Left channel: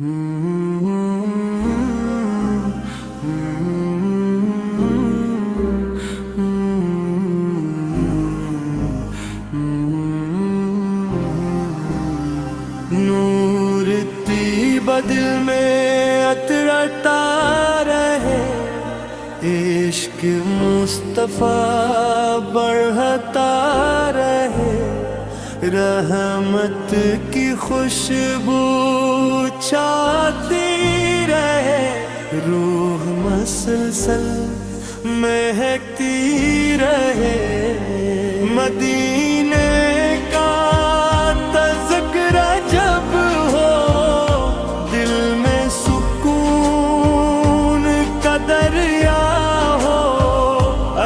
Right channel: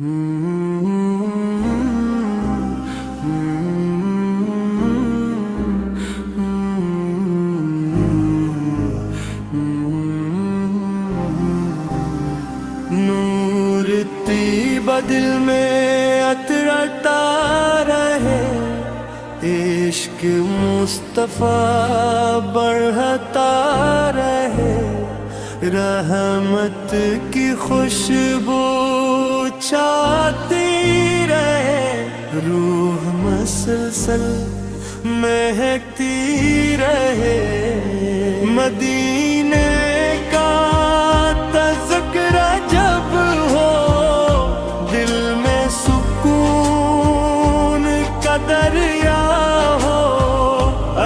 نور طیبہ دل میں عطرتا رہے، عشق مصطفیٰ بڑھتا رہے، رحمت کی خوشبو چھاتی رہے، روح مسلسل مہکتی رہے، مدینے کا تذکرہ جب ہو، دل میں سکون کا دریا ہو،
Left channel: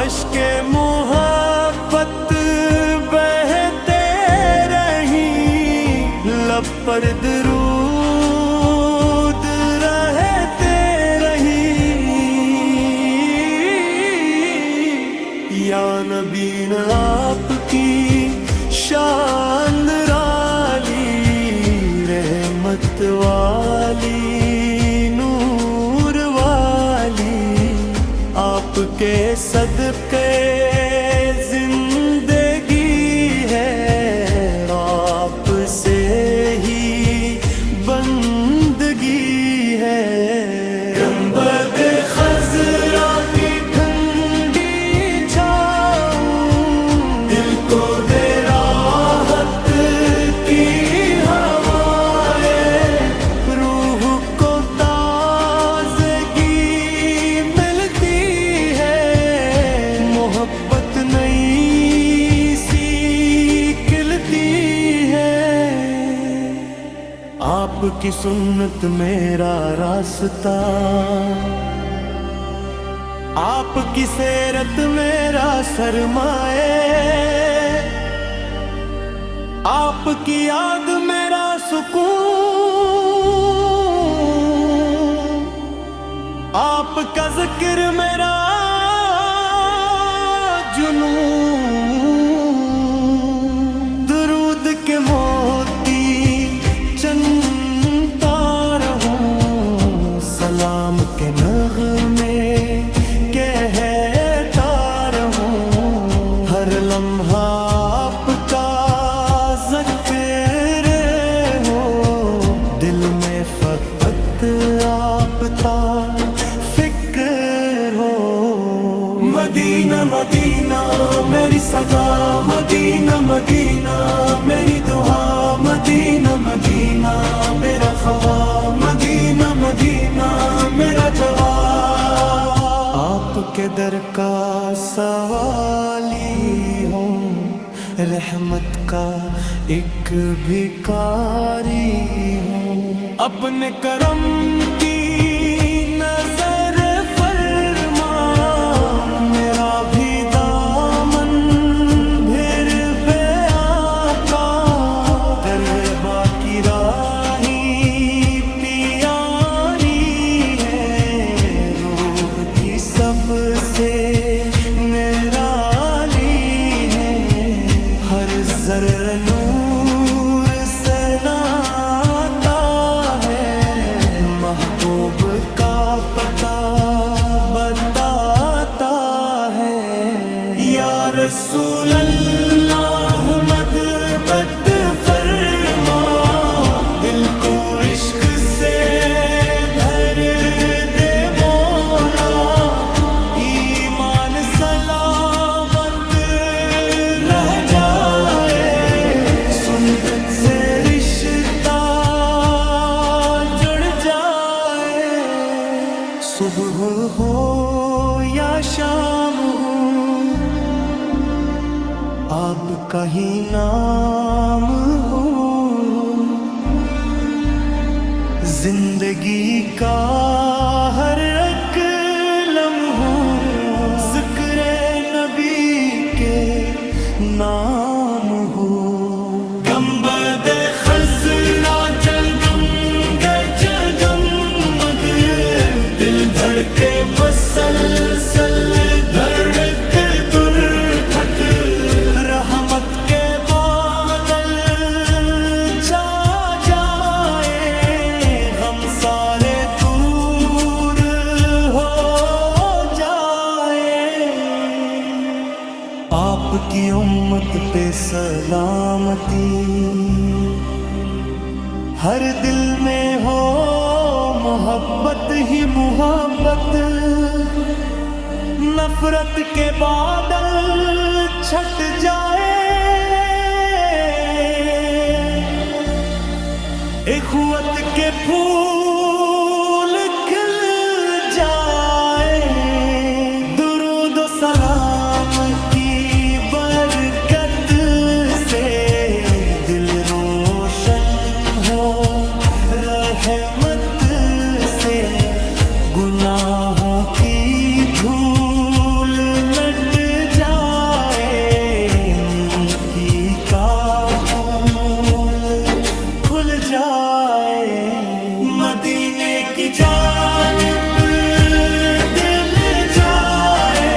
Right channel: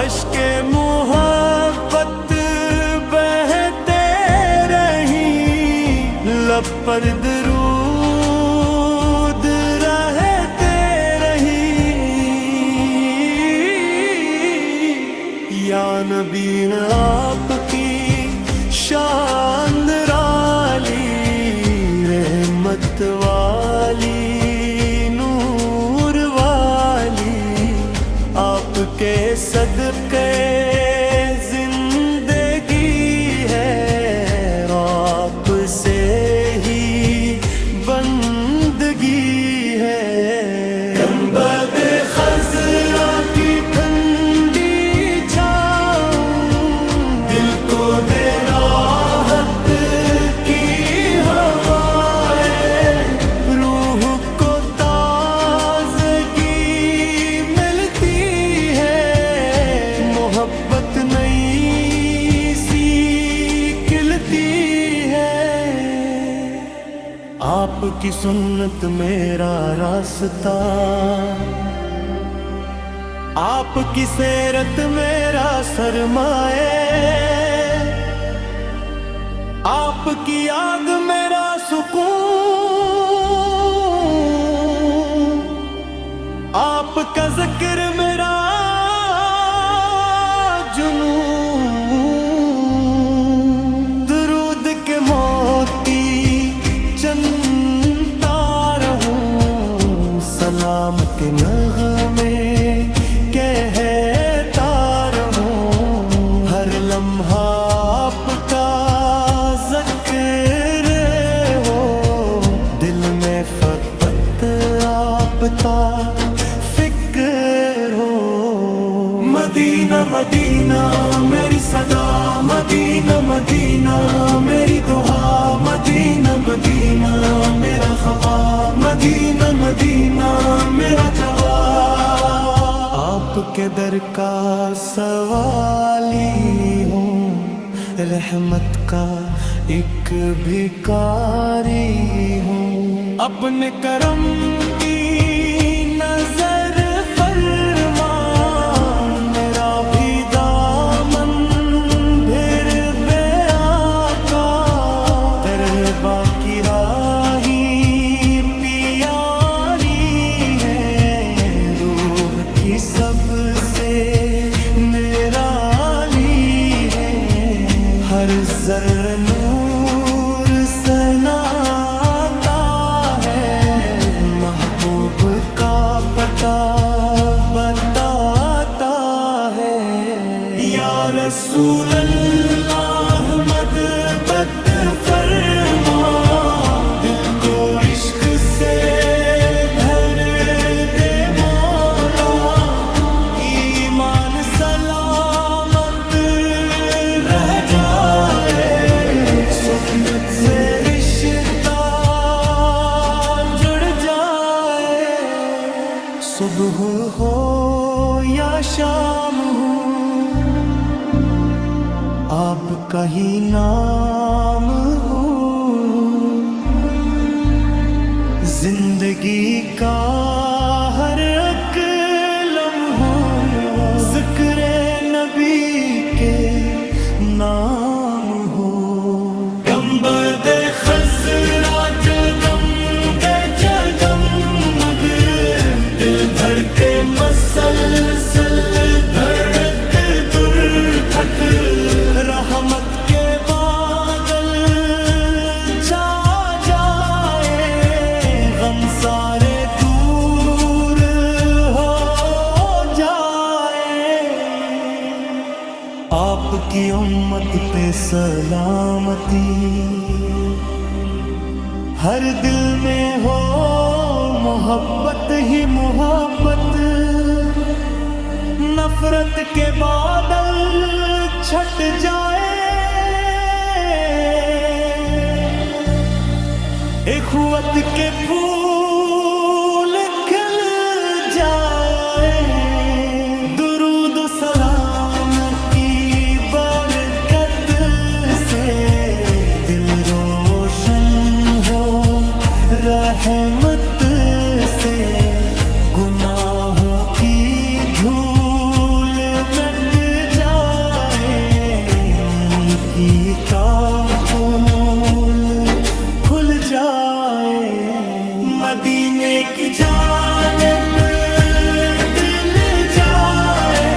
اشک محبت بہتے رہیں، لب پر درود رہتے رہیں، یا نبی نے آپ کی شان نرالی، رحمت والی نور والی، آپ کے صدقے زندگی ہے، آپ سے ہی بندگی ہے، گنبد خضرا کی ٹھنڈی چھاؤں، دل کو دے راحت کی ہوائیں، روح کو تازگی ملتی ہے، محبت نئی سی کھلتی ہے، آپ کی سنت میرا راستہ، آپ کی سیرت میرا سرمایہ، آپ کی یاد میرا سکون، آپ کا ذکر میرا جنون، درود کے موتی چنتا رہوں، سلام کے نغمے کہتا رہوں، ہر لمحہ آپ کا ذکر ہو، دل میں فقط آپ کا فکر ہو، مدینہ مدینہ میری صدا، مدینہ مدینہ میری دعا، مدینہ مدینہ میرا خواہ، مدینہ مدینہ میرا جواب، آپ کے در کا سوالی ہوں، رحمت کا ایک بھکاری ہوں، اپنے کرم کی نظر فرما، میرا بھی دامن بھر بے آقا، دربا کی راہیں پیاری ہے، روح کی سب سے نرالی ہے، ہر ذرہ نور سے ناتا ہے، محبوب کا پتہ بتاتا ہے، یا رسول اللہ مد بد فرما، دل کو عشق سے بھر دے مولا، ایمان سلامت رہ جائے، سنت سے رشتہ جڑ جائے، صبح ہو یا شام ہو، آپ کا ہی نام ہو، زندگی کا ہر ایک لمحہ ذکر نبی کے نام ہو، گنبد خضرا جگمگ جگمگ، دل بھر کے مسلسل دھڑک دھڑک، رحمت کے بادل چھا جائے، غم ہم سارے دور ہو جائیں، آپ کی امت پہ سلامتی، ہر دل میں ہو محبت ہی محبت، نفرت کے بادل چھٹ جائے، اخوت کے پھول کھل جائے، درود و سلام کی برکت سے دل روشن ہو، رحمت سے گناہوں کی دھول مٹ جائے، نیکی کا پھول کھل جائے، مدینے کی جانب دل جائے،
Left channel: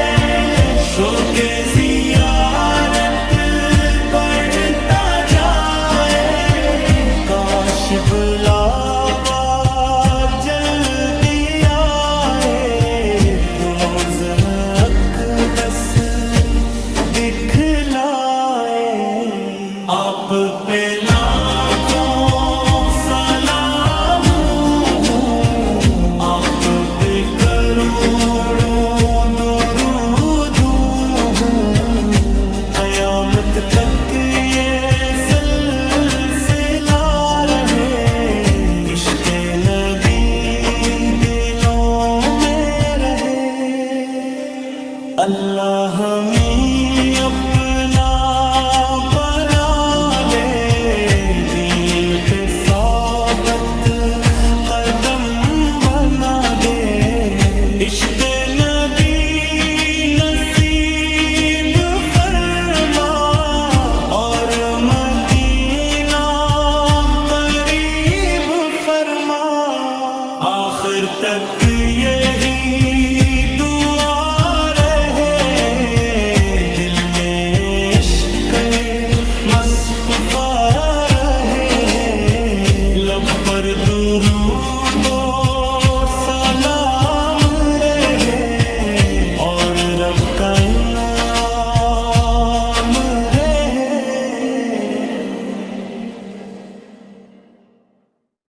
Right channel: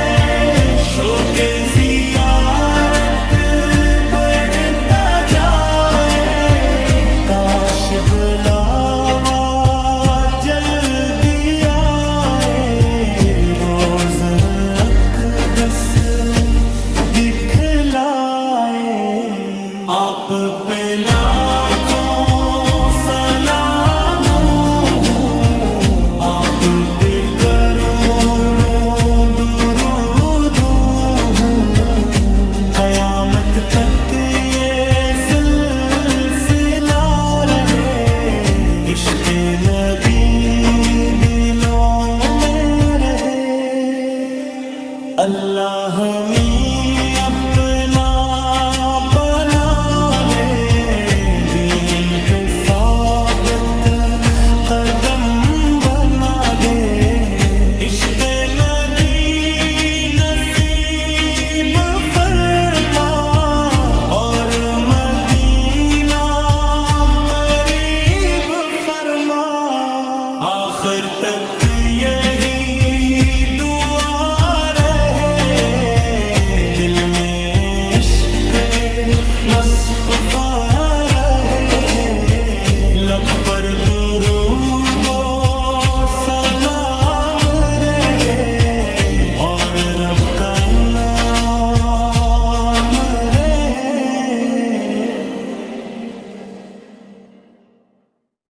شوق زیارت بڑھتا جائے، کاش بلاوا جلدی آئے، روز اقدس دکھلائے، آپ پہ لاکھوں سلام ہوں، آپ پہ کروڑوں درود ہوں، قیامت تک یہ سلسلہ رہے، عشق نبی دلوں میں رہے، اللہ ہمیں اپنا بنا لے، دین پہ ثابت قدم بنا دے، عشق نبی نصیب فرما، اور مدینہ قریب فرما، آخر تک یہی دعا رہے، دل میں عشق مصطفیٰ رہے، لب پر درود و سلام